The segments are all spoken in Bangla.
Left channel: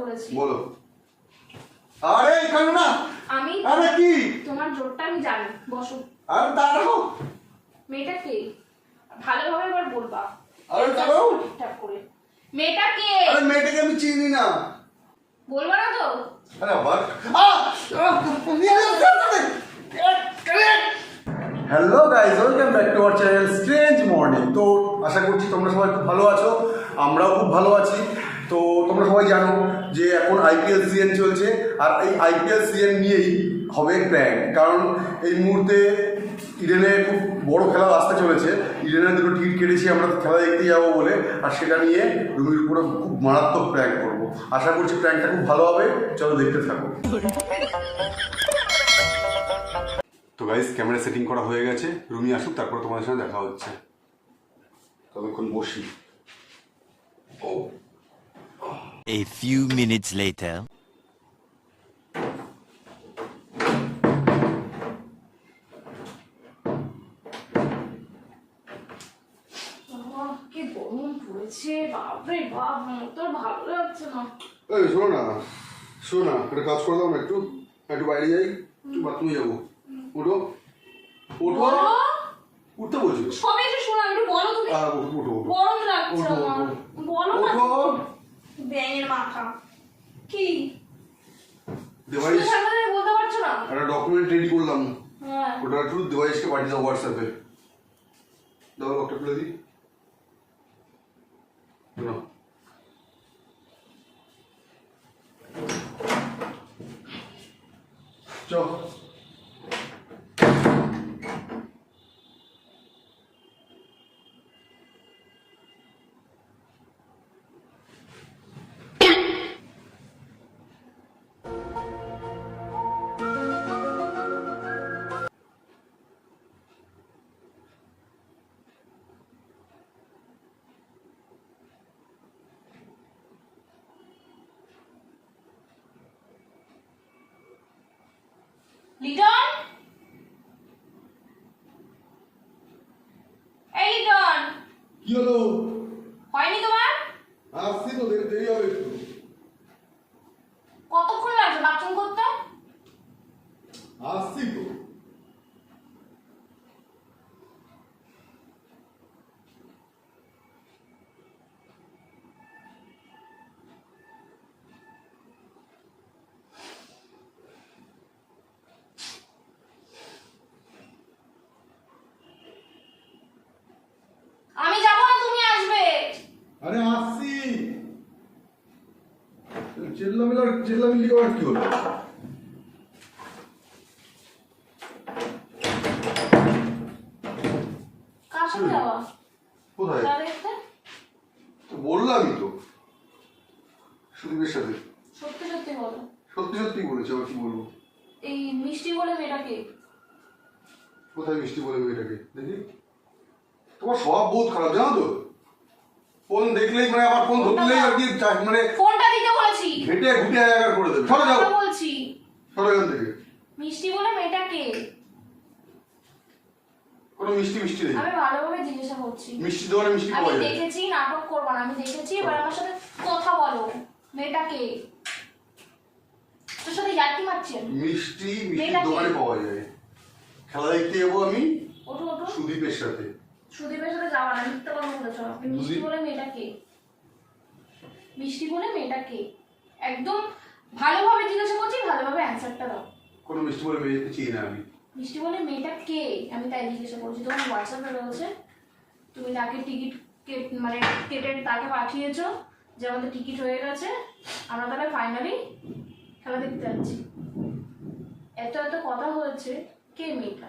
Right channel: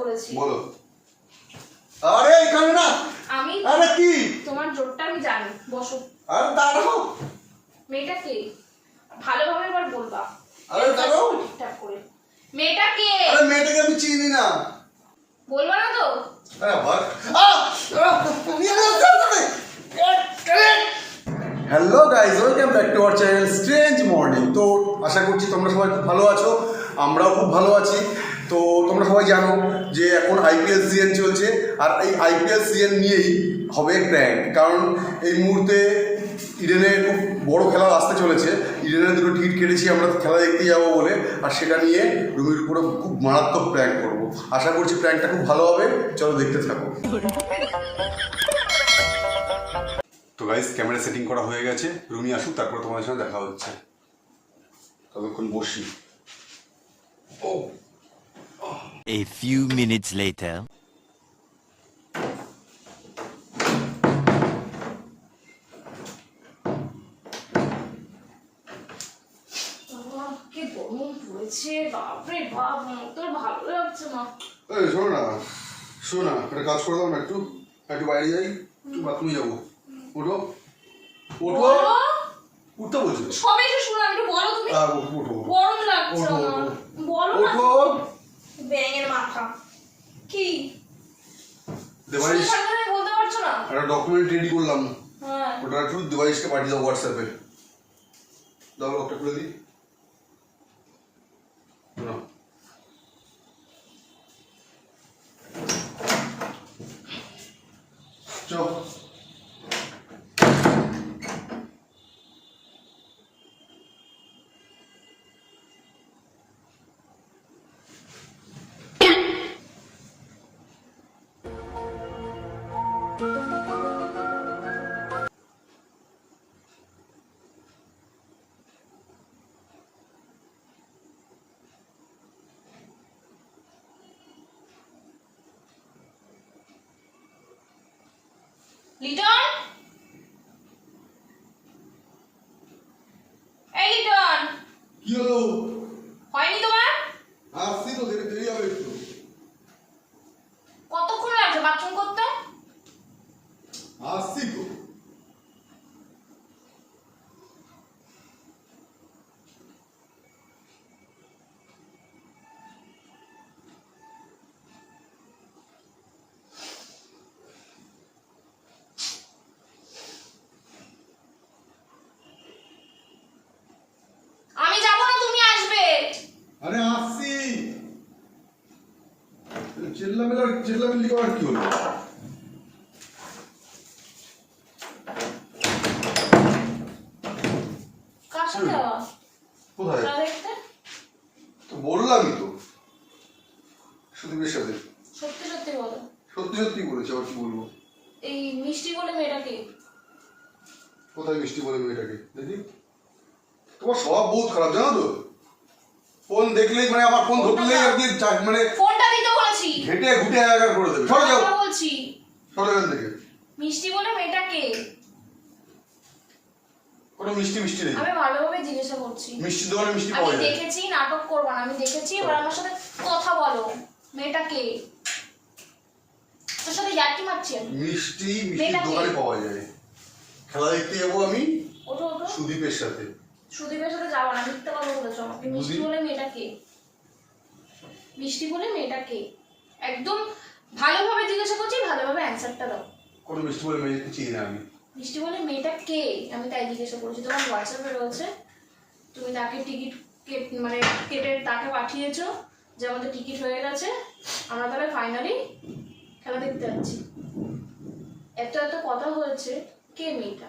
বলেছি। বলো। আরে এখানে না, আমি আরে কি তোমার জোরটা আমি জানি। বসো। আরে দাঁড়াও। মেয়েটা কে ভালোভাবে এবার বলবা। আরে দাঁড়াও। ঠিকঠাক করে। মেয়েটা কে? আরে মেয়েটাকে আমি চিনি না। বলবা না তো? আরে আবার hello guys, welcome back to our channel strange morning. তো আশা করছি তোমরা সবাই খুব ভালো আছো, আমরাও খুব ভালো আছি। তো তোমরা সবাই জানো যে এখন আইপিএল সিজন চলছে, আর এই আইপিএল সিজন নিয়েই হবে প্র্যাঙ্ক। কারণ এই মুহূর্তে ইডেনে খুব বড় খেলা আসতে চলেছে। ইডেনে দুটো টিকিট কেটেছি আমরা খেলা দেখতে যাবো বলে, আর সেটা নিয়ে রুমির উপরে খুব মারাত্মক প্র্যাঙ্ক করবো। আশা করছি প্র্যাঙ্কটা খুব ভালো হবে, চলো দেখতে থাকো। তো গাইস, ক্যামেরা সেটিং করা হয়ে গেছে, রুমি আসুক তারপর তোমাদের সঙ্গে দেখা হচ্ছে। ততক্ষণ বসি। A few minutes later. কি গরম পড়েছে, বাপরে বাপ, তো ভালো লাগছে না। এই শোনো না, একটা কাজ করে দাও না, একটু বাইরে যাই, একটু বাথরুমে যাবো। উঠো উঠো উঠতে বলছো। সবে এসে শোনো, একটু বলো তুমি। উঠো গরম লাগছে আমার, বলো না। উঠো। ব্যাঙের মাথা কি দেবাইশ বলতে পারছো না? একটা ডকুমেন্ট রেডি করলাম, হ্যাঁ, ওটা একটু দেবাইশকে পাঠিয়ে দাও হোয়াটসঅ্যাপে। দাও লকটা খুলে দিই। চল লিটন, এই লিটন, কি হলো? হয়নি তোমার? আসছি তো, দেরি হবে একটু। কতক্ষণ লাগছে বাথরুম করতে? আসছি তো। আমি যাব না, তুমি আসবে। আরে আসছি। চিল্লামিল্লি আবার কি হলো? কার সাথে যাওয়া? কোথায়? খেলা দেখতে। তো বললামই তো, সুদীপের সাথে। সত্যি সত্যি বলো। সত্যি সত্যি বলেছি, আবার কি বলবো? এই মিষ্টি বলে মেয়েটাকে? কোথায় মিষ্টি বলে মেয়েটাকে? দেখি। তোমার স্বভাব বহুত খারাপ জানো তো। ফোন দেখলেই মানে আমার ফোন ধরলেই আর কি মানে ফোনটা দিতে বলেছি। ঘেটে ঘুটে একাকার করে দেবে। সরে যাও, কথা বলছি। সরে এখান থেকে। মিষ্টি বলে মেয়েটাকে? কোনো মিষ্টি নেই। আমি ভালোভাবে জিজ্ঞাসা করছি। মিষ্টি দোকানে মিষ্টি আমি পাওয়া যায়। দেখেছি, নাটক করবা না, আমি দেখেছি। এবার আমার সাথে কথা বলো। মেয়েটাকে তোর সাথে ইয়ার্কি মারছেন? মিষ্টি দোকানে পাওয়া যায়। খেলা দেখতে যাবো আমি ওঠো ওঠো। সুদীপের সাথে। সুদীপের সাথে যাবা না, মিথ্যা কথা বলেছো আমাকে। মিষ্টি বলে মেয়েটাকে? মিষ্টি বলে মেয়েটাকে? একদম ভালোভাবে জিজ্ঞাসা করছি, ভালোভাবে অ্যান্সারটা দাও। কোনো মিষ্টি বলে মেয়েকে চিনি না আমি। মিষ্টি বলে মেয়েটা কে আমি তাই জিজ্ঞাসা করছি। তোমার হোয়াটসঅ্যাপে রয়েছে, তুমি তাকে টিকিট মানে কেটে তাকে পাঠিয়েছো যে আমাদের টিকিট হয়ে গেছে, আমরা তাহলে ফাইনালি খেলা দেখতে যাচ্ছি। এত কথা হয়েছে, কে মেয়েটা?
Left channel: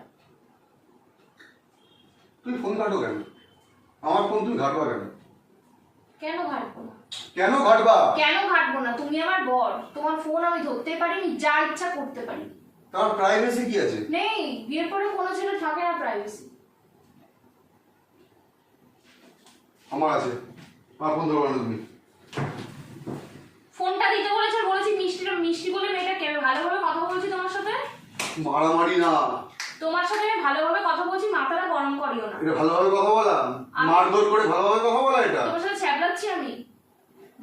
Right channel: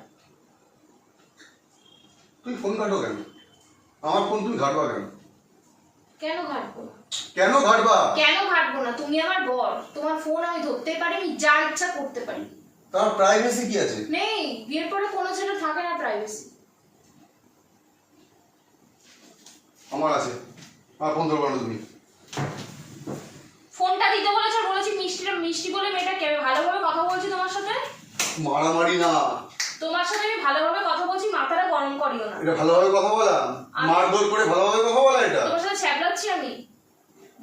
তুই ফোন ঘাটো কেন? আমার ফোন তুই ঘাটবা কেন? কেন ঘাটবো না? কেন ঘাটবা? কেন ঘাটবো না? তুমি আমার বর, তোমার ফোন আমি ধরতে পারি, আমি যা ইচ্ছা করতে পারি। তার প্রাইভেসি কি আছে? নেই, বিয়ের পরে কোনো ছেলে থাকে না প্রাইভেসি। আমার আছে। আমার ফোন ধরবা না তুমি। ফোনটা দিতে বলেছো, বলেছি মিষ্টি বলে মেয়েটাকে। আমি ভালোভাবে কথা বলছি তোমার সাথে। মারামারি না। তোমার সাথে আমি ভালোভাবে কথা বলছি, মাথাটা গরম করিও না। এটা ভালোভাবে কথা বলা? মারধর করে ভালোভাবে কথা বলা এটা? তোমার সাথে ছ্যাবলাচ্ছি আমি?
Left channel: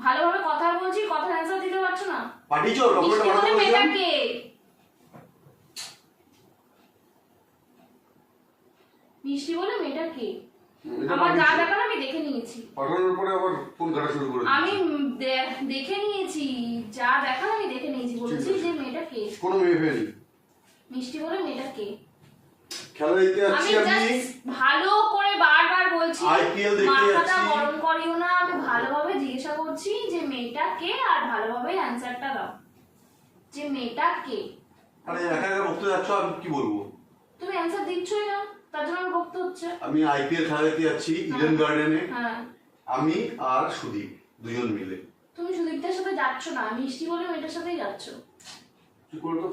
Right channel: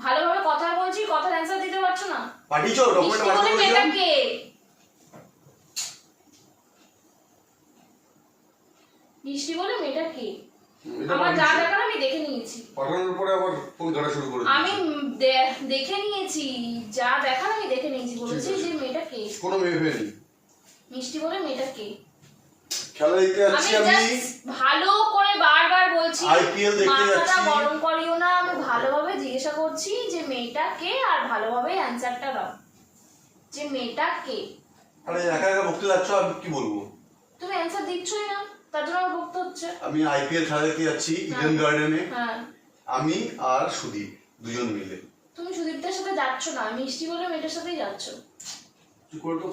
ভালোভাবে কথা বলছি, কথার অ্যান্সার দিতে পারছো পাঠিয়েছো মিষ্টি বলে ডকুমেন্ট মেয়েটা কে? মিষ্টি বলে মেয়েটা কে? আমার যা দেখার আমি দেখে নিয়েছি। পাঠানোর পরে আবার ফোন ঘাটা শুরু করে আমি দেখে নিয়েছি, যা দেখার আমি দেখে নিয়েছি। বলেছি যে মেয়েটা কে। কোনো মেয়ে ফেলি মিষ্টি বলে মেয়েটা কে? খেলা দেখতে আমি যাচ্ছি আমি just ভালো করে বারবার বলছি, IPL দেখতে মাথাটা যাচ্ছি। গরম করিও না। আমি ভালোভাবে জিজ্ঞাসা করছি যে মেয়েটা কে, আর ভালোভাবে অ্যানসারটা দাও যে মেয়েটা কে। আরে একা একা বকতে যাচ্ছ, আমি কি বলবো? তুমি অ্যানসার দিচ্ছই না, তার জন্য আমার বকতে হচ্ছে। আমি IPL খেলা দেখতে যাচ্ছি ইডেন গার্ডেনে, হ্যাঁ, আমি আর সুদীপ দুজন মিলে। তুমি সুদীপদের সাথে যাচ্ছ না, মিষ্টি বলে মেয়েটার সাথেই যাচ্ছ। কি করতো?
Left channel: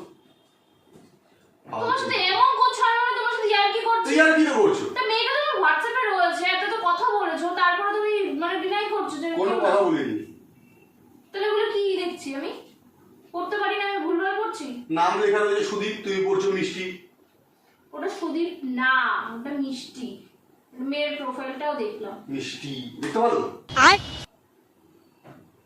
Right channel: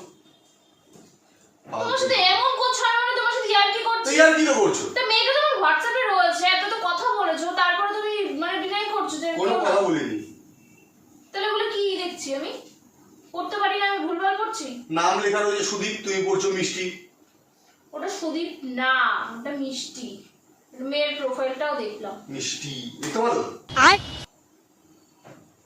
তোমার সাথে এমন করছো, আর মানে তোমার সাথে ইয়ার্কি করছি। তুই আর কি করছো? তা মেয়েটা তোমার হোয়াটসঅ্যাপে রয়েছে, এত তো কথা বলেছো, তারপরে তুমি মানে ডিনাই করছো যে কোনো কথা বলিনি। তাহলে বলে কি দেখছি আমি? করতে পারি না, আমি ভুলভাল করছি। নাম লেখা রয়েছে সুদীপ, তুমি পড়ছো মিষ্টি। ওটা সুদীপ না, ওটা মিষ্টি। মেয়ের প্রোফাইলটাও দেখলাম। মিষ্টি দেখতে ভালো?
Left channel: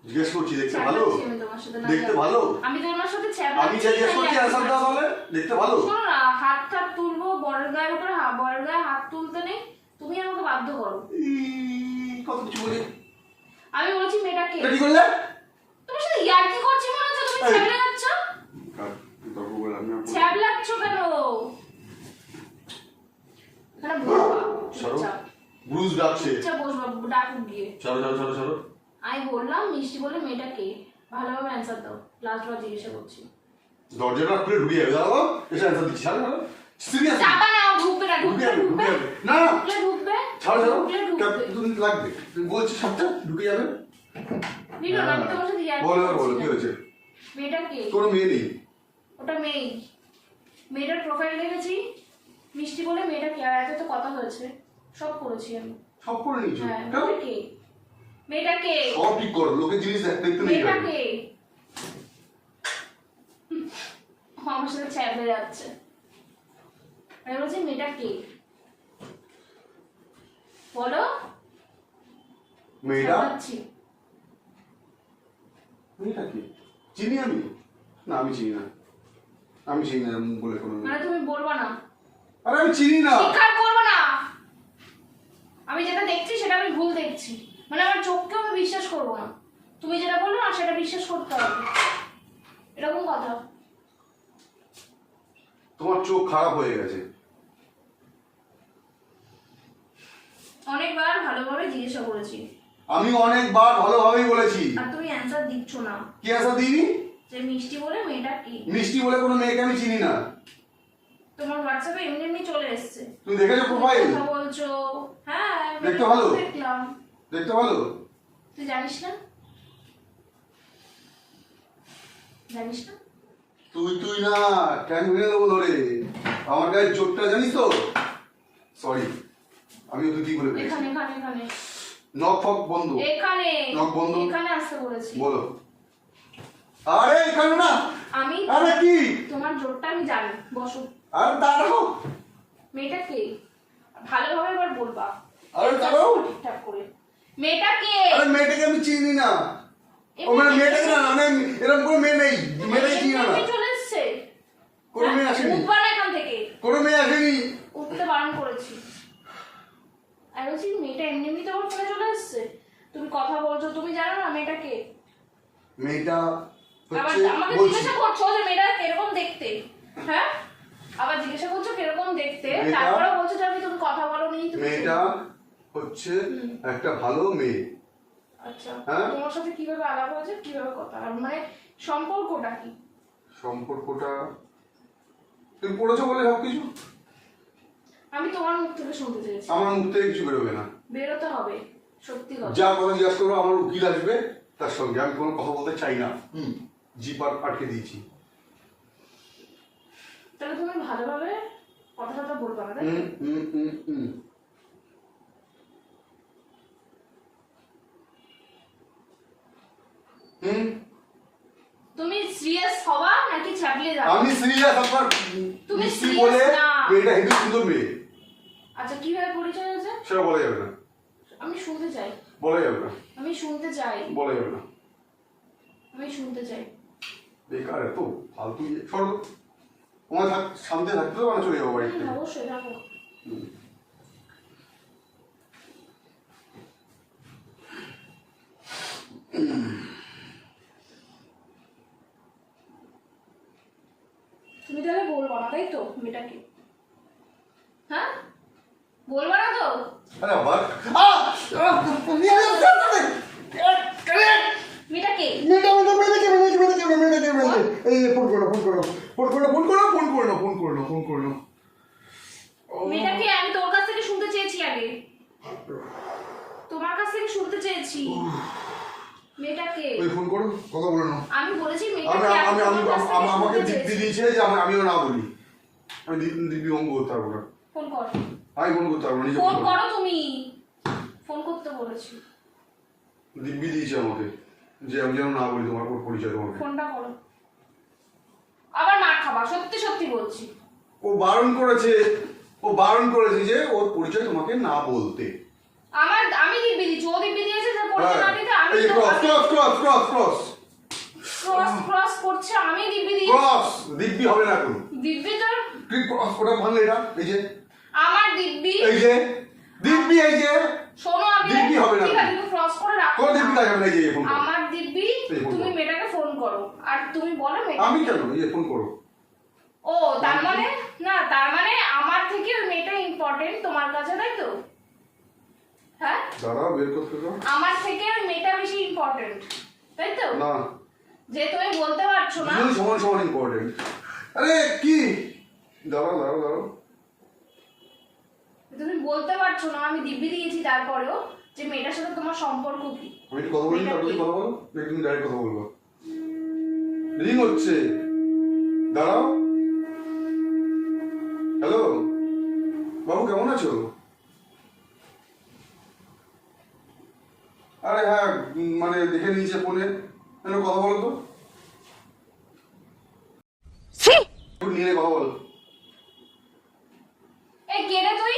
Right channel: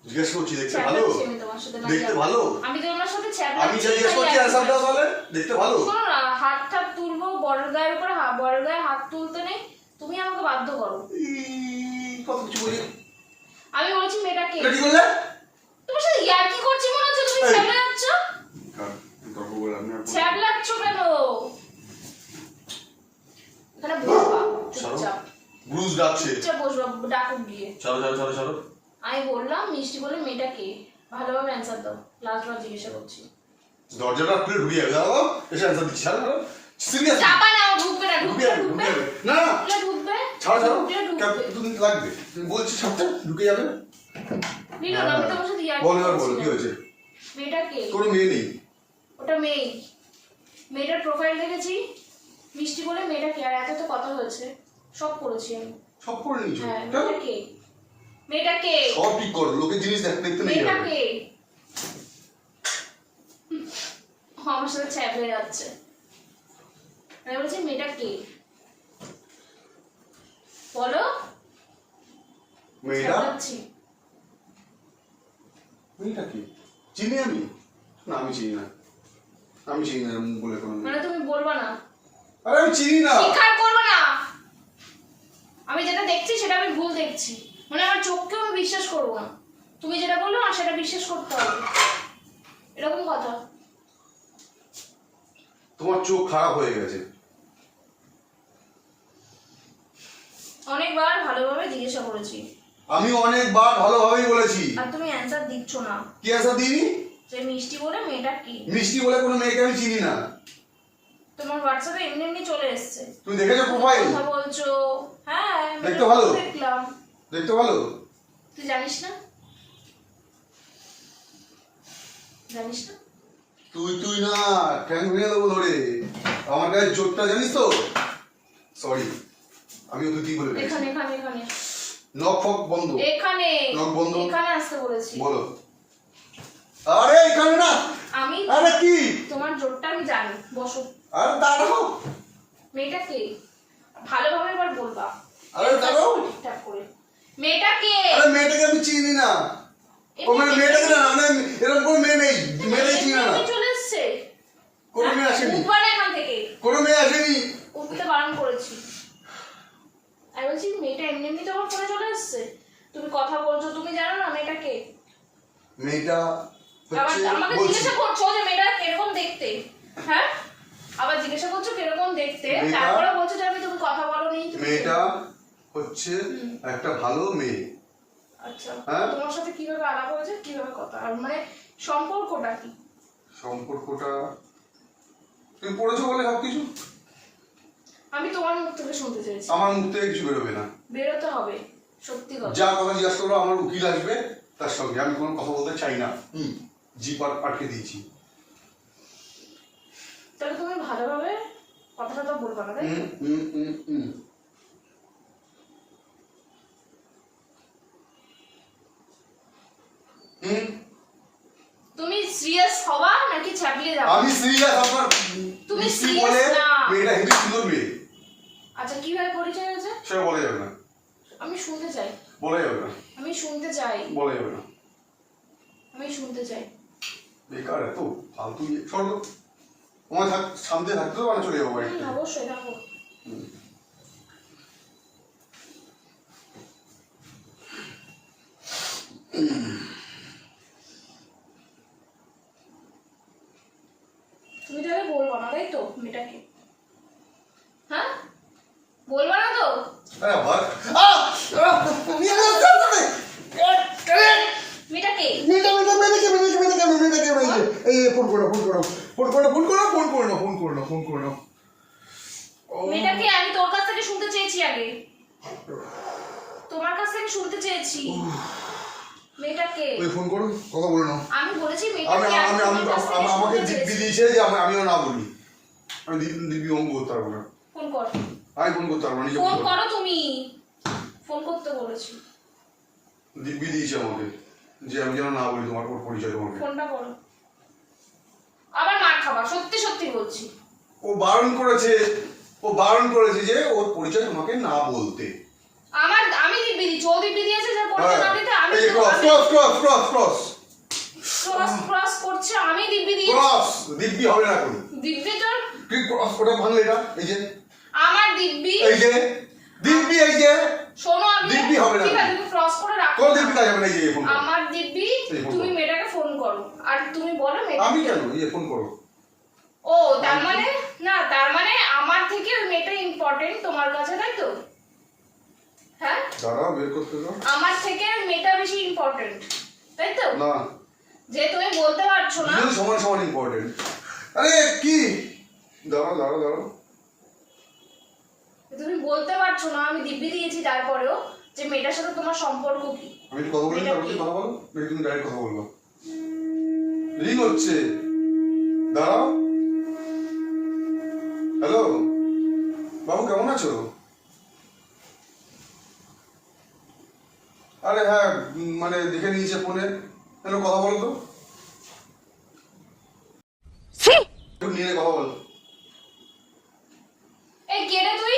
জিজ্ঞেস করছি দেখতে ভালো? ছ্যাবলাচ্ছি আমি তোমার সাথে, না দেখতে জানি। ভালো? আমি তোমার সাথে আমি ছ্যাবলাচ্ছি, জিজ্ঞেস খালি করছি একই অ্যান্সার দাও কথা। তাহলে। দেখতে ভালো? শোনো না, হাত টাত তুলবো, বড় গায়ের উপরে বড় গায়ে হাত তুলতে নেই, তুমি আমাকে বাধ্য করো। কত কিছু বলি। আমি বলছি মেয়েটা কে? এটা কি করলে? তোমার সাথে ইয়ার্কি করছি মনে হচ্ছে, তুমি এই। ছ্যাবলা যাচ্ছ। তর্ক বলে আমি আর বলবো না। ছ্যাবলাচ্ছ কেন? এখানে বসবা চুপচাপ, ব্রুজ ডাকছে। চুপচাপ বসবা, ডাকুক গিয়ে। চলো চলো চলো চলো। আমি বললাম মিষ্টি বলে মেয়েটা কে, ভালোভাবে অ্যান্সার দাও। লাস্টবার জিজ্ঞাসা করছি। দরজাটা খুলে ঢুকে যাবে, দাও এসে অ্যান্সার দিচ্ছি। ছাড়ো ছাড়ো, সিরিয়াস চাপা নাও, ঢুকবে না, ঢুকে ঢুকবে যাবে, ঢুকে ঢুকবে যাবে। না না, ঢুকলে ঢুকবে, ছাড়ো ছাড়ো, ঢুকলে ঢুকবে। দুদিন লাগবে। তুমি বলছি সবটা ঢুকে যাবে। নিলো না, আমি তোমার সাথে ইয়ার্কি বলো আর বলো, করছি কি না। হয়েছে? মেয়েটা কে? কোনো মেয়ে নেই। ওটা মেয়ে। মেয়েটার প্রোফাইল দেখেছি, মিষ্টি বলে মেয়েটা কে, আর এত তো কথা হয়েছে, সব করেছি আমি। সব করে নিয়েছো? হ্যাঁ, কেন? মেয়েটা কে? মেয়েটা কে? সব ঠিক করো, লোকের জিনিস দেখতে নেই। মেয়েটা কে? আমার সাথে ছ্যাবলে যাচ্ছে। আমি বলছি মেয়েটা কে, বলো। মেয়েটা? ছ্যাবলাচ্ছি। মেয়েটা কি? চিনি আমি? না আমি চিনি না। আমি চিনি না এরকম বলে কোনো মেয়ে। মানে তুমি বলবা না, আরে আমি চিনি না। স্বীকার করবো না। আমি যেটা দেখছি সেটা আমি ভুল দেখছি, মানে আমার চোখকেও আমি বিশ্বাস করবো না। তুমি যেটা বললো না সেটা বিশ্বাস করতে হবে, এরকম কথা। তোমার চোখ খারাপ হয়ে গেছে। অনেকবার ভালোভাবে জিজ্ঞাসা করেছি, আমি অনেকবার ভালোভাবেই বলেছি। আর তুমি অ্যান্সার দিচ্ছ না। কি অ্যান্সার দিইনি? যে মিষ্টি বলে মেয়েটা কি। মিষ্টি বলে কোনো মেয়েকে আমি চিনি না। তোমার হোয়াটসঅ্যাপে এমনি এমনি চলে এসছে, তুমি দেখেছো প্রোফাইল? কথা বলছো। হ্যাঁ, আমি দেখতে ভালো? দেখলাম। দেখতে ভালো? তুই জানিস না? জানিস না? তুই না, ট্যাঙ্ক ভেঙে দেবো ধরে। আমার গায়ে চোটটা জানিস তো? সরি, আমি তুই কি বলে ফেলেছি। এখানে এখানে এখানে নখ ফক বন্ধ। এখানে নখ বন্ধ। এখানে আসতে বলেছি। বলো। আরে এখানে না। আমি আরে কি? তোমার জোরটা আমি জানি, বসো। আরে দাঁড়াও। মেয়েটা কে? ভালোভাবে এবার বলবা। আরে দাঁড়াও। ঠিকঠাক করে। মেয়েটা কে? আরে মেয়েটাকে আমি চিনি না। ও মানে মেয়েটাকে না, মানে এরকম কোনো মেয়ে নেই। মেয়েটাকে চিনি না। এমনি চলে এসছে। কোনো মেয়ে আসেনি। উঠবা না এখান থেকে। কোনো মেয়ে আসেনি। উঠতে বারণ করেছি। আমি বলছি মেয়েটা এমনি এমনি তোমার ফোনে চলে এসছে, তুমি কথা বলছো, তুমি জানো না মেয়েটা কে? মেয়েটা আবার হচ্ছে আমাকে বলছি জিজ্ঞাসা করছো যে মেয়েটা কিরকম দেখতে, হ্যাঁ? আবার জিজ্ঞাসা করছো কিরকম দেখতে, মেয়েটা- তারপরে বলছো যে আমি তুমি কথা বলোনি। মেয়েটা হচ্ছে একটা ভালো মেয়ে। আচ্ছা, হ্যাঁ? তোমার সাথে কিভাবে আলাপ হয়েছে, কিভাবে কথা, আর মানে সম্পর্কটা কি? সম্পর্কটা তুমি পড়েছো বলে সবকিছু? আমি তোমার মুখ থেকে শুনতে চেয়েছি। আমার মুখ থেকে কিছু বেরোবে না। বেরোতে হবে, সত্যি কথা। যা কথা জিজ্ঞাসা করো আমার উকিল আসবে, তার সঙ্গে আমি কোনো কথা বলতে চাই না। জিপ আটকে দিয়েছি। তাহলে তুমি ভালোভাবে কথাটা তো বলবা না, তাই তো? তুমি সিরিয়াস হবা নাকি ছাপিয়ে যাবে? আমি সিরিয়াস। আপনার তুমি মিষ্টি serious বলে না। মেয়েটা হেবি সুন্দর মেয়ে। আচ্ছা, কিভাবে পরিচয় হয়েছে? সেটা বলা যাবে না। আমি শুনতে চাই, বলা যাবে না। আমি শুনতে চাই, বলা যাবে না। আমি শুনতে চাই। বেকার এত ফালতু ইয়ে সর্ব তোমায় শান্তি থাকতে তো চলে যাবো বাড়িতে। অবশ্যই রাখো। তুমি তাহলে বলবো না তাই তো মেয়েটাকে? হ্যাঁ বলবো না তো? আরে আবার মেয়েটাকে মেয়েটাকে আমি তোর কাছ থেকে শুনতে চেয়েছি, আগে তোমার কাছ থেকে শুনতে চেয়েছি। মেয়েটাকে ফোন করো, কথা বলো না। আমি বলেছি আমি মেয়েটাকে আমি আমি তোমার কাছ থেকে আমাকে শুনতে দিব্যি চেয়েছি। দিয়েছে যে আমিও না বলি, আমি দিব্যি অঙ্গ করতে পারবো না। ফোন কর, আমি ফোন করতে পারবো না, নিজে ফোন বলতে করো, পারবো। তুমি ফোন করতে বলেছি। দিব্যি দিয়েছে আমাকে যে আমি যেন না বলি তোমার পরিচয় তোমাকে। ফোনটা করো, আবার মার খাবা, সত্যি সত্যি বলছি। ও বারণ করেছে যে ওর পরিচয় তোমাকে না বলতে। আমি দিব্যি দিচ্ছি, ও দিব্যি দিয়েছে যে পরিচয় না দিতে। আমি এই cross cross cross cross cross cross cross করছে, আমি দিব্যি দিয়েছি। ক্রস দিব্যি হবে না তুমি। দিব্যি তোর কি ক্রস ওটা ভাঙলে এটা এই যে আমার দিব্যি, এই যে দিব্যি এই যে শোনো আগে, দিব্যি হবে না। ঠিক আছে তুমি ক্রস করে রাখো। কোন দিব্যি কাজ হবে না, এই যে ফোন করো। আমার দিব্যি, এই ফোন তুমি করো। মেয়েটাকে ফোন করো আর তুমি বলো মেয়েটা। আমি কেন এই ফোন করো। ও তার মানে না, তার মানে আমার থেকে ওই মেয়েটা ইম্পর্টেন্ট তোমার কাছে, তাই তো? হ্যাঁ দাঁড়াও বের করতে দাও। আমার থেকে ওই মেয়েটা বেশি ইম্পর্টেন্ট, তাই তো? না যে তুমি বলতে পারছো না। দুজন সমান সমান ইম্পর্টেন্ট। আরে কি দাঁড়াও দাঁড়াও দাঁড়াও, তুমি বলতে পারছো না, আমি দিব্যি দিয়েছি তারপরেও, যে মেয়েটার সাথে তোমার সম্পর্ক কি। আমি একটু কথা বলি, তারপর তুমি কথা বলো, নাকি তুমি ডাইরেক্ট কথা বলবো? রিং হচ্ছে, দাঁড়াও। হ্যালো বাবু, কেমন আছো? আরে হ্যাঁ, মানে দেখে নিয়েছে ফোনে। হ্যালো, কথা বলো তো, একটু নিয়ে কথা বলো। এই কে রে তুই?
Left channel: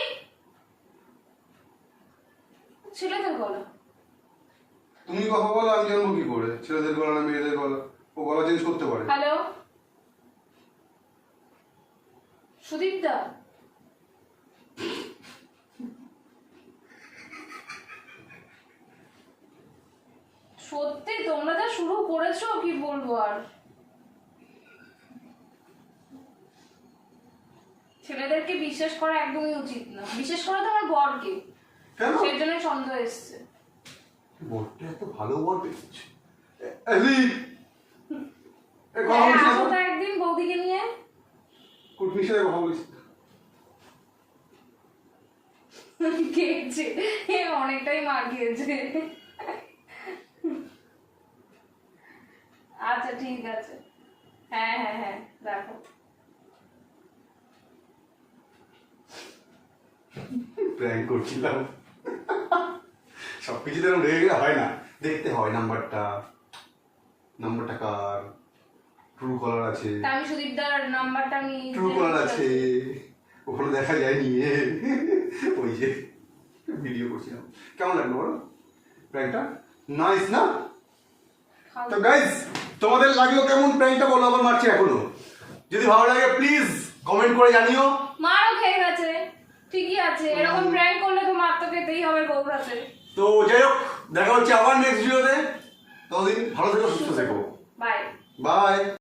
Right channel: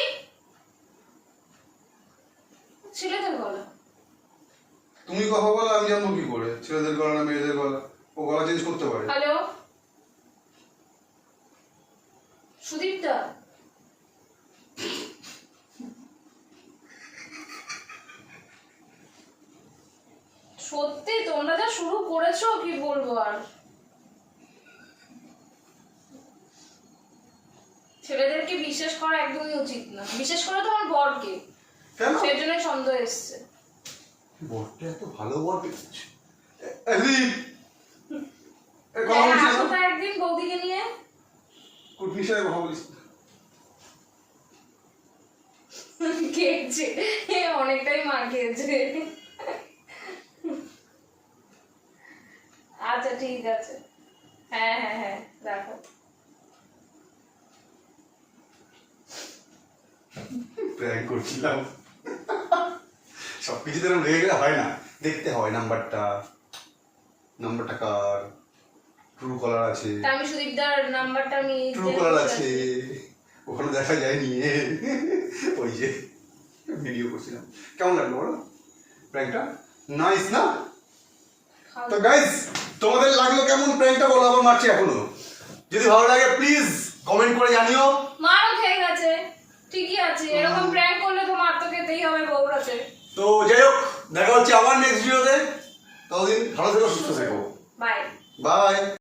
ছেলেদের গলা। তুমি কথা বলো, আমি জানবো কি করে ছেলেদের গলা না মেয়েদের গলা? ও গলা চেঞ্জ করতে পারে। হ্যালো সুদীপদা, সত্যি তোমরা যা শুরু করেছো কি বলবো আর। ছেলেদেরকে বিশ্বাস করা একদমই উচিত না, বিশেষ করে তোমার বরকে। কেন? সেই জন্য সন্দেহ এসছে। বরটা এত ভালো বর পেয়েছে। এলি এ কথা হ্যাঁ, বলছিস আসো না? তো একদিন বৌদিকে নিয়ে। কুটনির সাথে কথা বলিস। খেয়েছে, অনেকটাই মার খেয়েছে। আচ্ছা ঠিক আছে, হ্যাঁ হ্যাঁ হ্যাঁ রাখো। প্র্যাঙ্ক করছিলাম। সবকিছু তো রেগে গেলে হয় না, দেখতে হয় নাম্বারটা কার, ট্রু কলার আছে, তা আমি সুদীপদার নাম্বারটা আমি ট্রু কলার আছে, ওখানে দেখা যায় নিয়ে ওই যে ভিডিও করছিলাম। কেমন লাগলো বলো প্র্যাঙ্কটা? নাইস না? তো গাইস, তোমাদের লাগলো কেমন প্র্যাঙ্কটা বলো, আবার মারছি এখনো। যদি ভালো লাগে প্লিজ কমেন্ট করে জানিও। মারও খেয়ে গেছে, ঠিকই আছে, এরকম প্র্যাঙ্ক করলে তো মার তো খেতেই হবে বউর হাতে। তো যাই হোক, দেখা হচ্ছে আবার নেক্সট ভিডিওতে। ততদিন ভালো থেকো, সুস্থ থেকো, বাই। বাই।